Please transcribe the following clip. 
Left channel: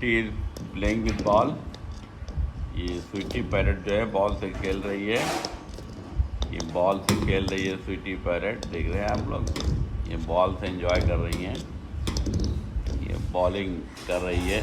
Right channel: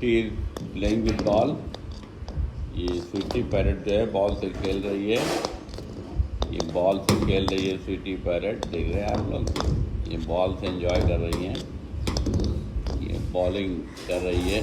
Sweety is playing with ball. ये Sweety parrot जो है बॉल से खेल रही है, ये बॉल से खेल रही है स्वीटी पैरट। देख रहे हैं आप लोग, ये बॉल से एंजॉय कर रही हैं, ये बॉलिंग कर रही है।